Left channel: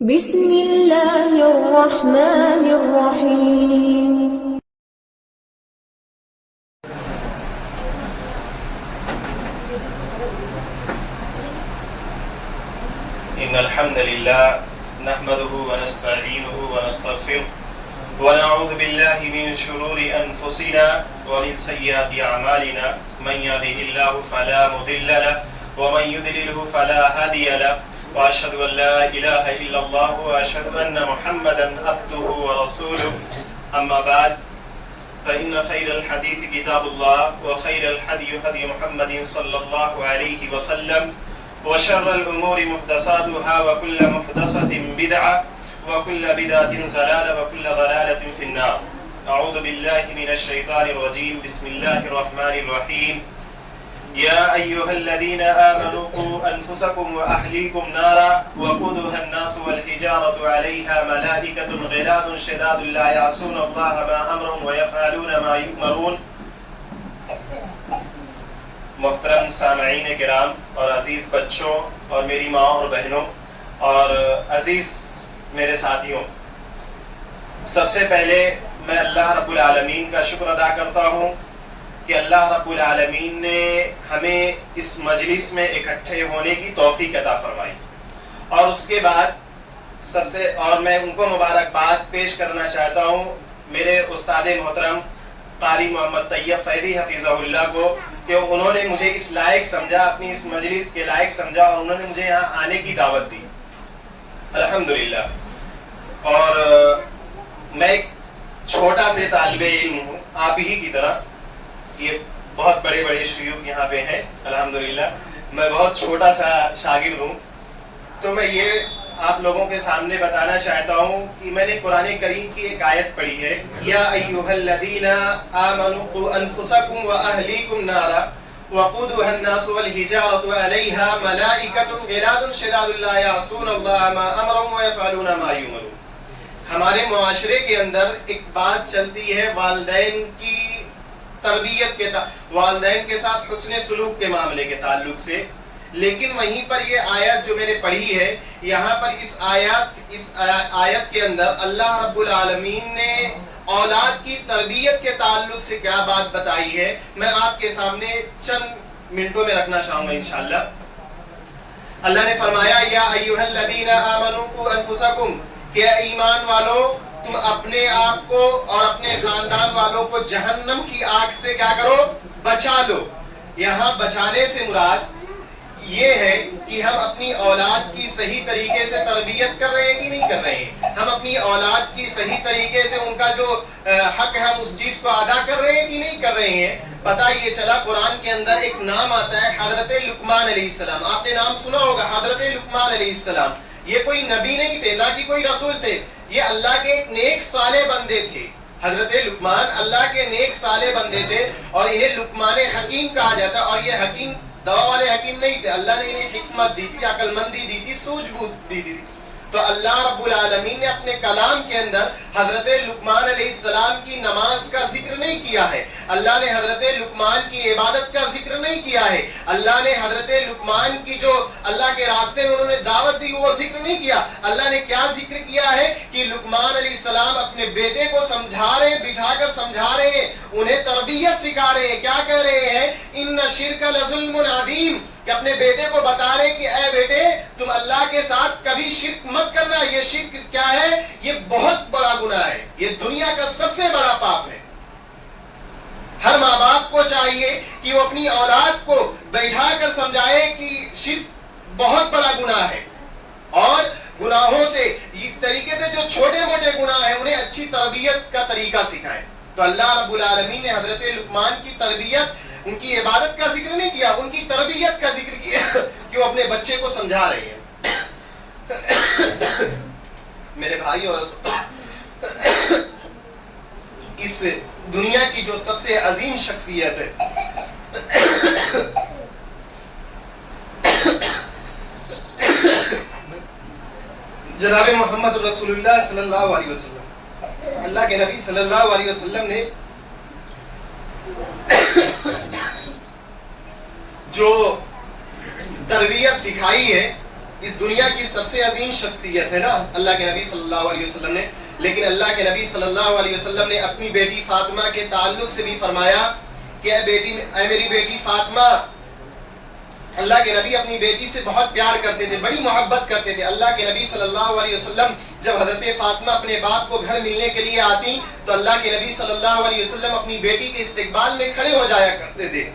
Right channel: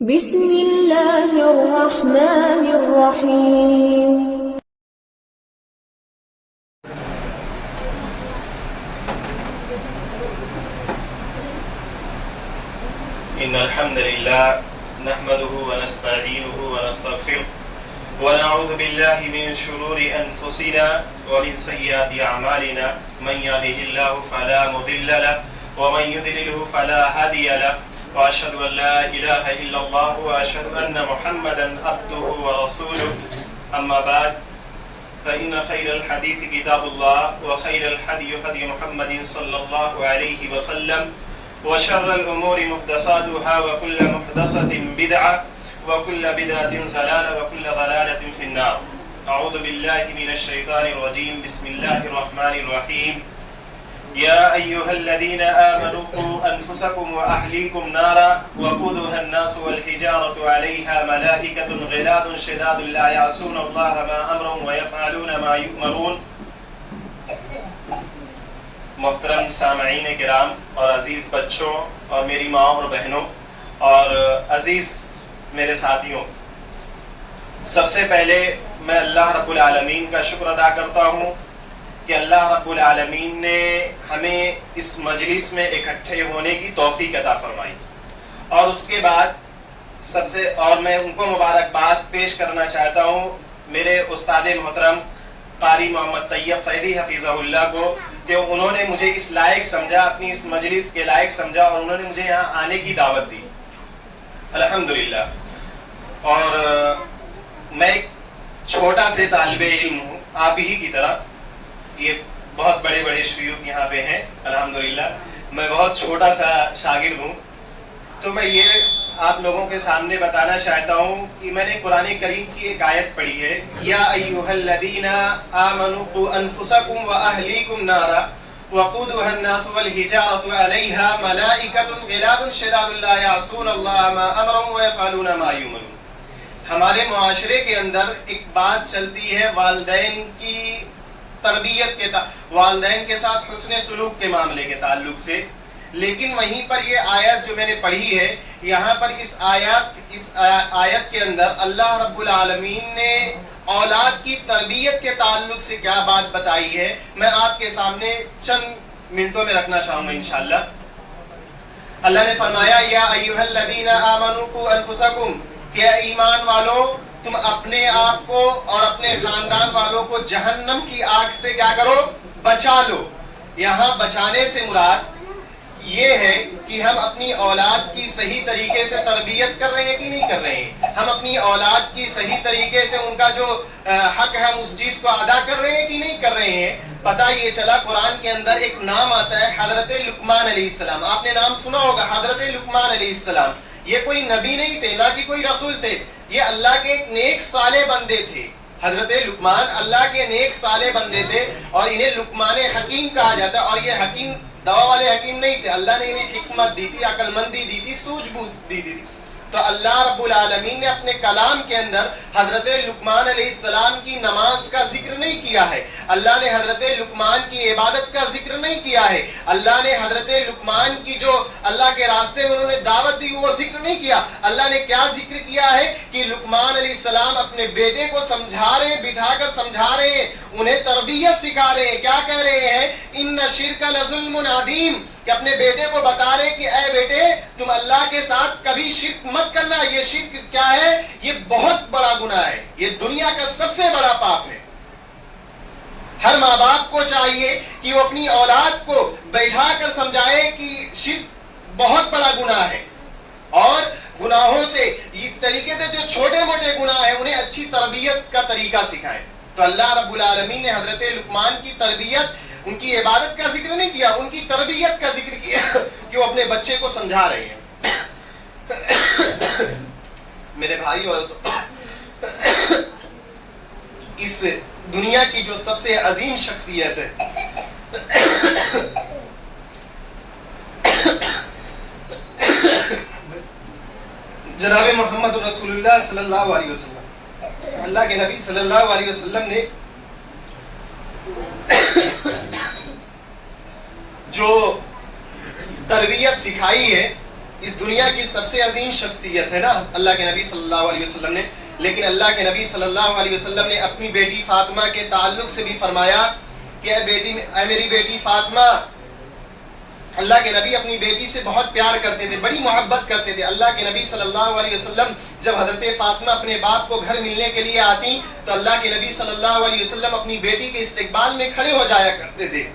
بسم اللہ الرحمن الرحیم۔ إن الحمد لله نحمده ونستعينه ونستغفره ونعوذ بالله من شرور أنفسنا ومن سيئات أعمالنا من يهده الله فلا مضل له ومن يضلل فلا هادي له وأشهد أن لا إله إلا الله وأشهد أن محمدا عبده ورسوله أما بعد فإن خير الحديث كتاب الله وخير الهدي هدي محمد صلى الله عليه وسلم وشر الأمور محدثاتها وكل محدثة بدعة وكل بدعة ضلالة وكل ضلالة في النار. أعوذ بالله من الشيطان الرجيم. بسم الله الرحمن الرحيم. يا أيها الذين آمنوا قوا أنفسكم وأهليكم نارا وقودها الناس والحجارة عليها ملائكة غلاظ شداد لا يعصون الله ما أمرهم ويفعلون ما يؤمرون. محترم سامعین کرام اور عزیز بچوں اور میری ماں اور بہنوں اور عزیز میرے ساتھیوں، سب سے پہلے میں اللہ رب العالمین کا شکر ادا کرتا ہوں کہ اللہ رب العالمین نے ہمیں اس مجلس میں اکٹھے ہونے کی توفیق عطا فرمائی، اور اس کے بعد میں ان کو مبارکباد پیش کرنا چاہتا ہوں میرے استاد محترم قاری محمد طیب فیضی حفیظہ اللہ کو، کہ انہوں نے مجھے اس لائق سمجھا، اپنی اس مجلس کے لائق سمجھا، اور انہوں نے مجھے یہاں آنے کی دعوت دی، الحمدللہ۔ اور میں ایک چھوٹا سے طالب علم ہوں، آپ ہی کی طرح، یہ بہت بڑے بڑے شیوخ یہاں پہ ہیں الحمدللہ، میں بہت چھوٹا سا شاگرد ہوں۔ تو میں یہ آپ لوگوں کے سامنے بتانا چاہتا ہوں کہ میں نے قرآن کریم کی ایک آیت پڑھی ہے، یا ایھا الذین آمنوا قوا انفسکم واہلیکم نارا وقودها الناس والحجارة علیہا ملائکۃ غلاظ شداد لا یعصون اللہ ما امرهم ویفعلون ما یؤمرون۔ ہمارے معاشرے کے اندر ایک بات چلتی ہے والدین کی تربیت کے والدین کے ساتھ حسن سلوک کے معاملے کے تعلق سے، لیکن وہیں پر یہ آیت جو میں نے پڑھی ہے، یہاں پر اس آیت کے اندر اللہ رب العالمین نے اولاد کی تربیت کے تعلق سے کیا بات بتائی ہے، میں آپ کے سامنے چند منٹوں میں رکھنا چاہوں گا انشاءاللہ۔ اللہ نے فرمایا، یا ایھا الذین آمنوا قوا انفسکم، کہ ایمان والو تم اپنے آپ کو اور اپنے خاندان والوں کو جہنم کی آگ سے کیا کرو، بچا لو۔ یہاں بچانے سے مراد یہ ہے کہ ہم اپنی اولاد کی صحیح طریقے سے تربیت کر رہے ہیں کہ نہیں کر رہے ہیں، ہم اپنی اولاد کی صحیح طریقے سے ان کا جو حق ہے ہم اس چیز کو ادا کر رہے ہیں کہ نہیں کر رہے ہیں۔ پتہ یہ چلا قرآن کے اندر ایک نام آتا ہے حضرت لقمان علیہ السلام، آپ نے نام سنا ہوگا حضرت لقمان علیہ السلام۔ یہ کوئی نبی نہیں تھے، نہ کہ کوئی رسول تھے، یہ اللہ کے ایک نیک صالح بندے تھے۔ حضرت لقمان اللہ کے نیک صالح بندے تھے، اور انہیں لقمان حکیم کہا جاتا ہے، اور یہ حکیم دوا والے حکیم نہیں تھے، اللہ نے انہیں حکمت دی تھی، عقل مندی دی تھی، سوجھ بوجھ دی تھی۔ تو اللہ رب العالمین نے اپنے کلام کے اندر حضرت لقمان علیہ السلام کی نماز کا ذکر نہیں کیا ہے، اللہ نے حضرت لقمان کی عبادت کا ذکر نہیں کیا ہے، اللہ نے حضرت لقمان کی جو اللہ کے راستے میں انہوں نے دعوت دی وہ ذکر نہیں کیا۔ اللہ نے کیا ذکر کیا ہے کہ لقمان علیہ السلام اپنے بیٹے کو سمجھا رہے ہیں، بٹھا کر سمجھا رہے ہیں، انہیں تربیت سکھا رہے ہیں۔ کیا کہہ رہے ہیں؟ ان الشرک لظلم عظیم، کہ اپنے بیٹے کو بتا رہے کہ اے بیٹے تم اللہ کے ساتھ کبھی شرک مت کرنا، یہ شرک کیا ہے؟ یہ بہت بڑا گناہ ہے، یہ دنیا کا سب سے بڑا پاپ ہے۔ ہر ماں باپ کو چاہیے کہ وہ اپنی اولاد کو بیٹھا کر سمجھائے کہ شرک بہت بڑا گناہ ہے، اور گناہوں سے اس طریقے سے جو چھوٹے موٹے گناہ ہیں انہیں اچھی تربیت کا طریقہ سکھائے۔ تو اللہ رب العالمین نے حضرت لقمان کی تربیت، ان کی عبادت کا ذکر نہیں کیا، ان کی تربیت کا ذکر کیا کہ وہ اپنے بچے کو سمجھا رہے ہیں۔ میرے بھائی، اور اس دنیا کی جو سب سے عظیم شخصیت ہے جناب محمد رسول اللہ صلی اللہ علیہ وسلم، اللہ کے نبی صلی اللہ علیہ وسلم نے جو تربیت سکھائی ہے اس دنیا کی سب سے عظیم شخصیت ہے نا اللہ کے نبی صلی اللہ علیہ وسلم نے، لیکن اللہ کے نبی صلی اللہ علیہ وسلم نے اپنی بیٹی فاطمہ کے تعلق سے بھی فرمایا کہ اے میری بیٹی فاطمہ، اللہ کے نبی اپنی بیٹی سے بہت پیار کرتے تھے، بڑی محبت کرتے تھے۔ اللہ کے نبی صلی اللہ علیہ وسلم جب حضرت فاطمہ اپنے باپ کو گھر ملنے کے لیے آتی تو اللہ کے نبی صلی اللہ علیہ وسلم اپنی بیٹی کے استقبال میں کھڑے ہو جایا کرتے تھے،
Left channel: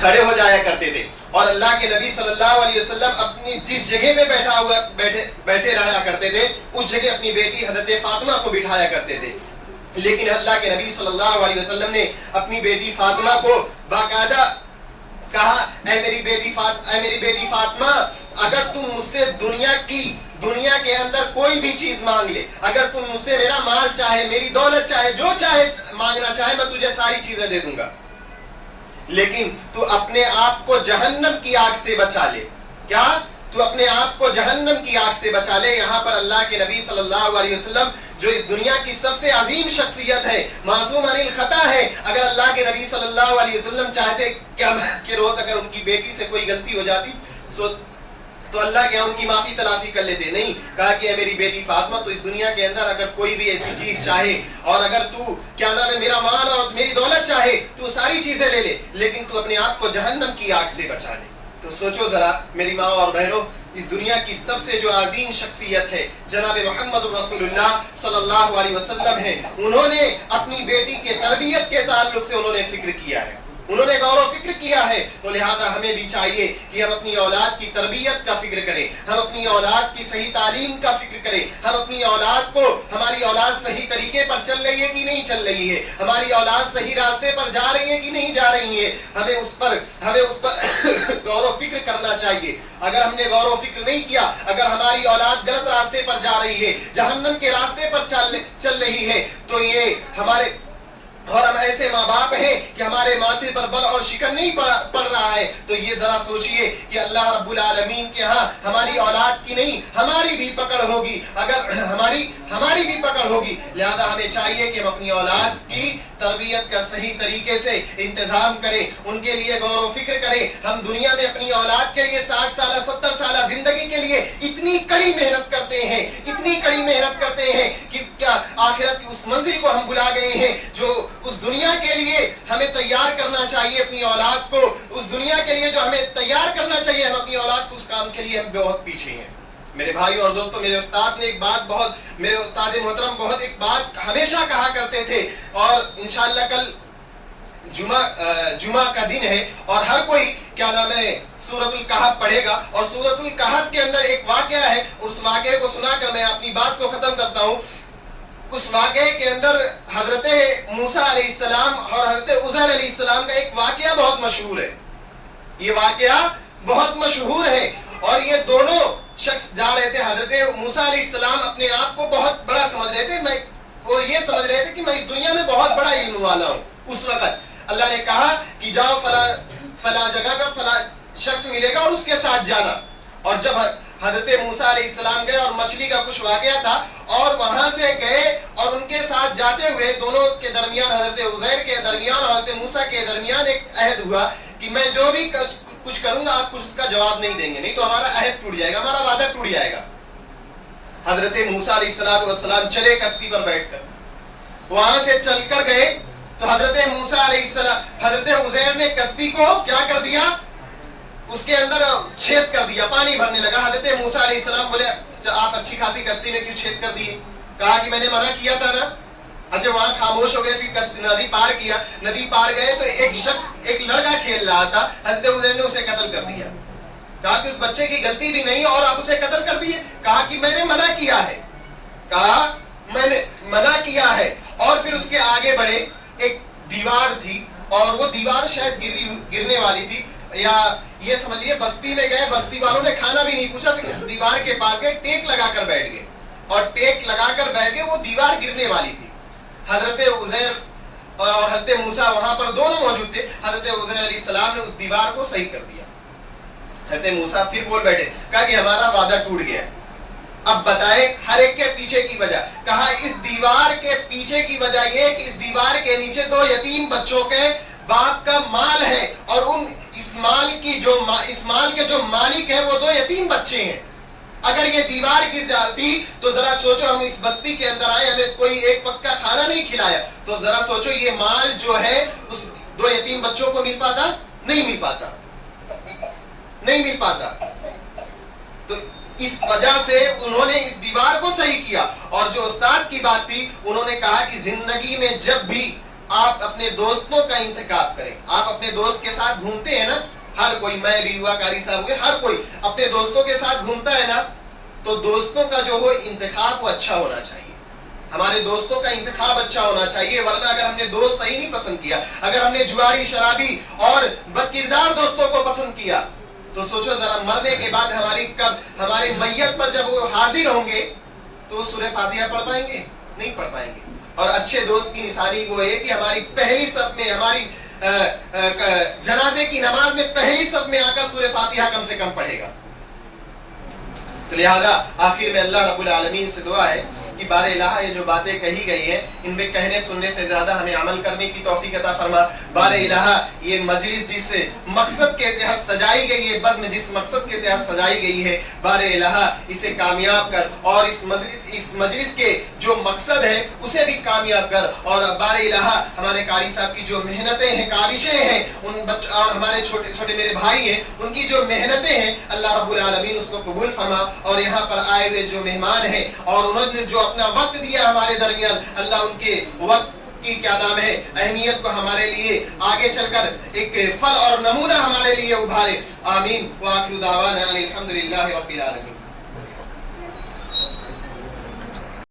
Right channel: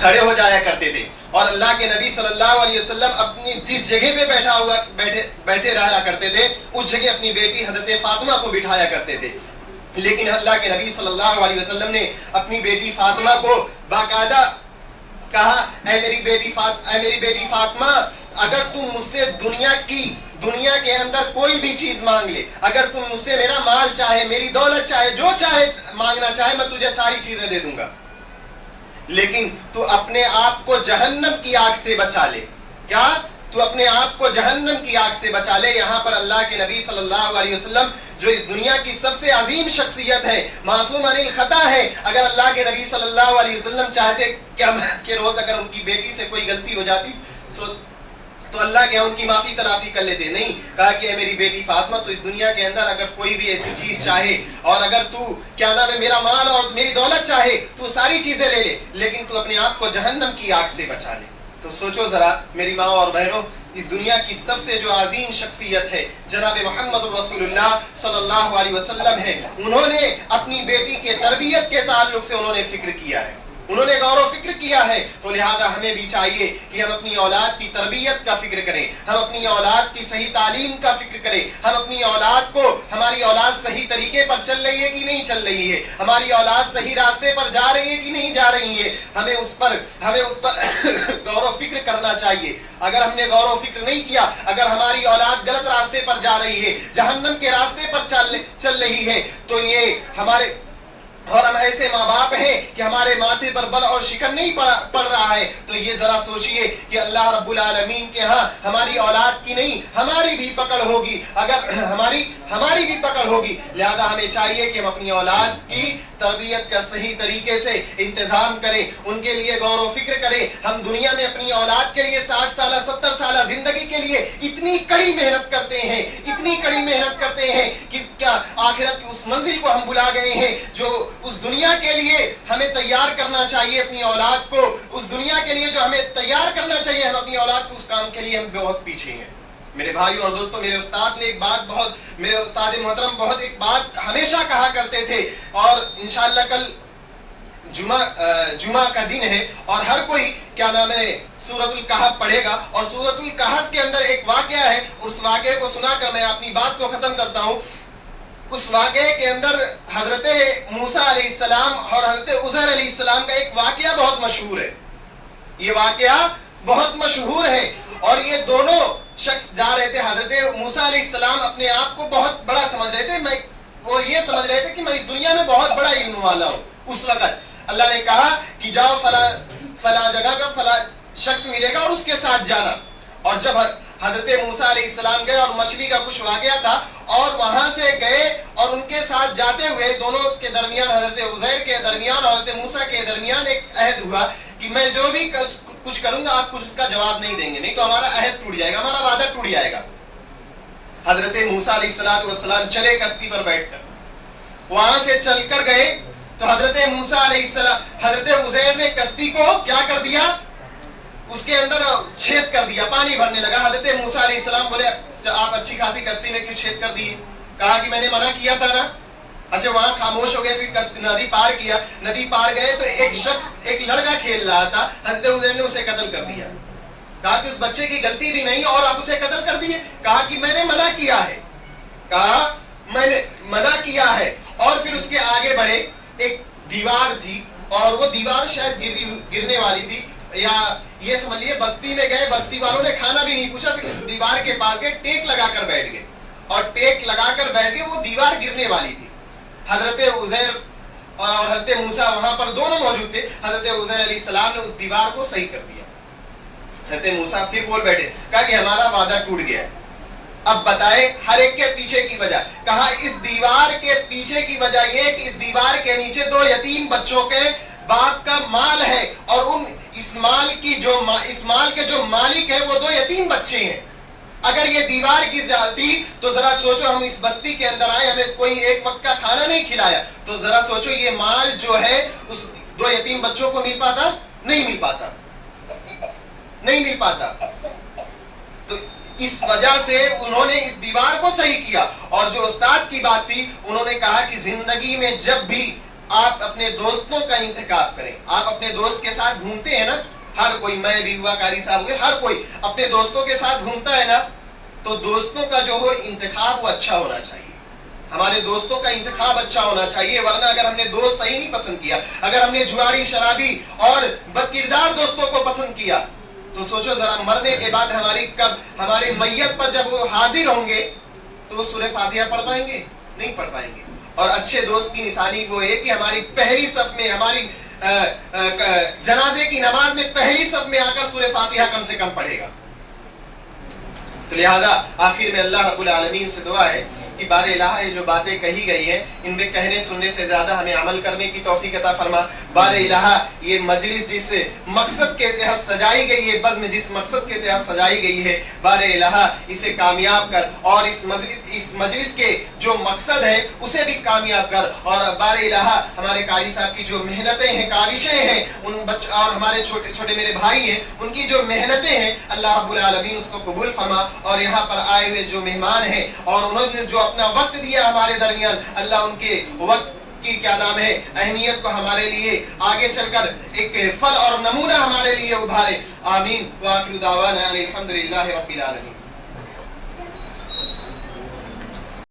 کھڑے ہو جایا کرتے تھے، اور اللہ کے نبی صلی اللہ علیہ وسلم اپنی جس جگہ پہ بیٹھے رہا کرتے تھے اس جگہ اپنی بیٹی حضرت فاطمہ کو بٹھایا کرتے تھے۔ لیکن اللہ کے نبی صلی اللہ علیہ وسلم نے اپنی بیٹی فاطمہ کو باقاعدہ کہا، اے میری بیٹی فاطمہ، اگر تم مجھ سے دنیا کے اندر کوئی بھی چیز مانگ لے، اگر تم مجھ سے میرا مال چاہے، میری دولت چاہے، جو چاہے مانگنا چاہے، میں تجھے ساری چیزیں دے دوں گا، لیکن تو اپنے آپ کو جہنم کی آگ سے بچا لے۔ کیا؟ تو اپنے آپ کو جہنم کی آگ سے بچا لے۔ یہاں پر اللہ کے نبی صلی اللہ علیہ وسلم جو اس دنیا کی سب سے عظیم شخصیت ہے، معصوم عن الخطا ہے، اگر اللہ کے نبی صلی اللہ علیہ وسلم چاہتے کہ روز اگر ان کی بیٹی سے کوئی غلطی ہو جاتی تو اللہ کے ان کی معافی تلافی کر لیتے، نہیں، کہا کہ اے میری بیٹی فاطمہ، تو اس دنیا کے اندر اگر کوئی بھی ایسی چیز چاہے اور اگر تو کیا نام ہے میرا مال اور میری دولت چاہے تو ساری چیزیں لے لے، لیکن تو اپنے آپ کو جہنم کی آگ سے بچا لے۔ تو سوچو ذرا میری ماں اور بہنوں، اس دنیا کی سب سے جو عظیم شخصیت ہے جناب محمد رسول اللہ صلی اللہ علیہ وسلم ہے، انہوں نے اپنی بیٹی کے تربیت کے تعلق سے انہوں نے فکر کیا ہے، انہوں نے غور و فکر کیا ہے، تو لہذا ہمیں بھی چاہیے کہ ہم اپنی اولاد کی تربیت کا فکر کریں، ہم اپنی اولاد کی صحیح تعلیم کا فکر کریں، ہم اپنی اولاد کو، ہماری اولاد صحیح طریقے پر چل رہی ہے کہ نہیں چل رہی ہے، ہماری اولاد صحیح راستے پر جا رہی ہے کہ نہیں جا رہی ہے، ہمیں اس پر غور و فکر کرنا چاہیے۔ اگر ہم نے غور و فکر نہیں کیا، اگر ہماری اولاد غلط راستے پر جا رہی ہے، جہنم کے راستے پر چل رہی ہے، تو یہ ہمارے اور ہم ایسے ماں باپ ہیں کہ ہمارے ماتھے پر بل اور شکن نہیں پڑ رہا ہے، تو یہ ذرا سوچئے کہ اللہ رب العالمین کے ہاں ہماری اولاد کی نہیں ہماری بھی پکڑ ہوگی، اگر ہماری بھی پکڑ ہوگی، لہذا ہمیں چاہیے کہ ہم اپنی اولاد کی تربیت کا صحیح طریقے سے انتظام کریں، ان کے لیے غور و فکر کریں۔ ہم دنیا میں اپنی اولاد کے لیے 60 سالہ 70 سالہ زندگی کے لیے اتنی کڑی محنت کرتے ہیں، اتنی کڑی محنت کرتے ہیں کہ کیا آخرت کی اس منزل کو ہم بلا گئے ہیں جو اس دنیا کے لیے ہمیں تیار کرنا چاہیے اپنی اولاد کو، اس دنیا کے لیے جو ہمیں تیار کرنا چاہیے ہم اپنی اولاد کو، اس کام کے لیے ہم بہت پیچھے ہیں۔ میرے بھائیوں اور دوستوں، میرے استاد نے میرے استاد محترم بہت ایک بات ہمیشہ کہا کرتے تھے، اور انشاءاللہ کل جمعہ کا دن ہے اور ہر کوئی کیا نام ہے سورۃ الکہف پڑھے گا، اور سورۃ الکہف کے اندر ایک واقعہ ہے، اس واقعے کو سنا کر میں اپنی بات کو ختم کرتا ہوں۔ اس واقعے کے اندر حضرت موسیٰ علیہ السلام اور حضرت عزیر علیہ السلام کا ایک واقعہ بہت مشہور ہے، یہ واقعہ بہت مشہور ہے، اور یہ دونوں شخص جا رہے تھے۔ حضرت موسیٰ علیہ السلام اپنے آپ کو بہت بڑا سمجھ رہے تھے، وہ یہ سمجھ رہے تھے کہ میں اس دنیا میں بہت بڑا علم والا ہوں۔ اس وقت اللہ نے کہا کہ جاؤ فلاں جگہ کا فلاں شخص ملے گا اور اس کے ساتھ جانا، اور جب حضرت موسیٰ علیہ السلام گئے اور مچھلی کا کچھ واقعہ تھا، اور وہاں سے گئے اور ان کے ساتھ جاتے ہوئے دونوں کے درمیان، حضرت عزیر کے درمیان اور حضرت موسیٰ کے درمیان ایک عہد ہوا کہ میں جو بھی کچھ کروں گا آپ کچھ اس کا جواب نہیں دیں گے، نہیں تو ہمارا عہد ٹوٹ جائے گا، ہمارا وعدہ ٹوٹ جائے گا۔ حضرت موسیٰ علیہ السلام چلے کشتی پر بیٹھ کر، وہاں سے چل کر گئے تو حضرت موسیٰ علیہ السلام، حضرت عزیر نے کشتی کو کیا کر دیا، اس کے اندر چھید کر دیا، پانی بھرنے لگا۔ حضرت موسیٰ علیہ السلام بولے آپ اچھی خاصی کشتی میں کیوں چھید کر دیے؟ کہا کہ میں نے منع کیا تھا نا۔ اچھا وہاں خاموش ہو گئے، پھر ندی پار کیا، ندی پار گئے تو ایک شخص، ایک لڑکا کھیل رہا تھا، حضرت عزیر نے اسے قتل کر دیا۔ کہا کہ اس بچے کی غلطی بھی نہیں اور آپ اسے قتل کر دیے؟ کہا کہ میں نے منع کیا ہے، کہا میں نے منع کیا ہے۔ اور پھر اس کے آگے بڑھے، ایک دیوار تھی اور وہ دیوار شاید گرنے والی تھی، یا یہ سمجھ لیے بستی میں گئے، بستی والوں نے کھانا بھی نہیں پوچھا، اس دیوار کے پاس گئے، ٹیک لگا کر بیٹھ گئے، اور ٹیک لگا کر بیٹھ گئے، وہ دیوار گرنے والی تھی۔ حضرت عزیر اور حضرت موسیٰ وہاں پر دونوں موجود تھے، حضرت عزیر علیہ السلام نے اس دیوار کو صحیح کر دیا۔ حضرت موسیٰ پھر بول بیٹھے، کہا کہ ہمارا وعدہ ٹوٹ گیا، اب بتائیں ہر ایک کے پیچھے کی وجہ۔ کہا اس دیوار کے پیچھے کی وجہ یہ کہ اس دیوار کے نیچے دو یتیم باپ کا مال ہے اور اس مال کے جو مالک ہیں وہ 2 یتیم بچے ہیں. اگر یہ دیوار کی جاتی تو ذرا سوچو, ہم اس بستی کے اندر آئے, ہمیں کوئی ایک وقت کا کھانا نہیں کھلایا, تو ذرا سوچو یہ مال جو ہے اس 2 یتیم بچوں کو مل پاتا؟ نہیں مل پاتا, نہیں مل پاتا. تو اس وجہ سے انہوں نے اس دیوار کو صحیح کیا. اور جو استاد کی بات تھی, انہوں نے کہا کہ زندگی میں جب بھی آپ اپنے دوستوں کا انتخاب کریں, آپ اپنے دوست کے ساتھ گھومتے ہیں نا, ہر کوئی, میں بھی ہوا, قاری صاحب ہوئے, ہر کوئی اپنے دوستوں کے ساتھ گھومتا ہے نا, تو دوستوں کا جو ہو انتخاب وہ اچھا ہونا چاہیے. ہمارے دوستوں کا انتخاب اچھا ہونا چاہیے, ورنہ اگر ہم نے دوست صحیح نہیں پسند کیا, اگر ہم نے جواری, شرابی اور بدکردار دوستوں کو پسند کیا, تو سوچو ذرا مرنے کے بعد ہمارے میت پر جب وہ حاضر ہوں گے تو سورہ فاتحہ پڑھ پائیں گے؟ نہیں پڑھ پائیں گے. اور اچھے دوست کی نشانی وہ ہے کہ ہماری پہلی صف میں, ہماری جنازے کی نماز میں پہلی صف میں آ کر سورہ فاتحہ کم سے کم پڑھے گا. تو لہذا آخر میں اللہ رب العالمین سے دعا ہے کہ بار الہ یہ جو باتیں کہی گئی ہیں ان میں کہنے سننے سے زیادہ ہمیں عمل کرنے کی توفیق عطا فرما. بار الہ یہ مجلس جس مقصد کے تحت سجائی گئی ہے, بزم جس مقصد کے تحت سجائی گئی ہے, بار الہ اسے کامیاب کر, اور اس مجلس کے جو مقصد ہے اسے بھی کامیاب کر. اور بار الہ ہمارے قاری صاحب کی جو محنتیں ہیں, کاوشیں ہیں, ان بچوں اور ہمارے چھوٹے چھوٹے میرے بھائی ہیں, ان کی جو محنتیں ہیں اللہ رب العالمین اس کو قبول فرما. اور یہاں پر آئے ہوئے جو مہمان ہیں اور انہوں نے جو اپنا وقت دیا ہمارے درمیان, اللہ ان کے وقت کی کیا نام ہے اہمیت کو ہمارے لیے آگے چل کر ایک پھل اور نمونہ ہمارے لیے ابھارے. آمین. وآخر دعوانا الحمدللہ رب العالمین.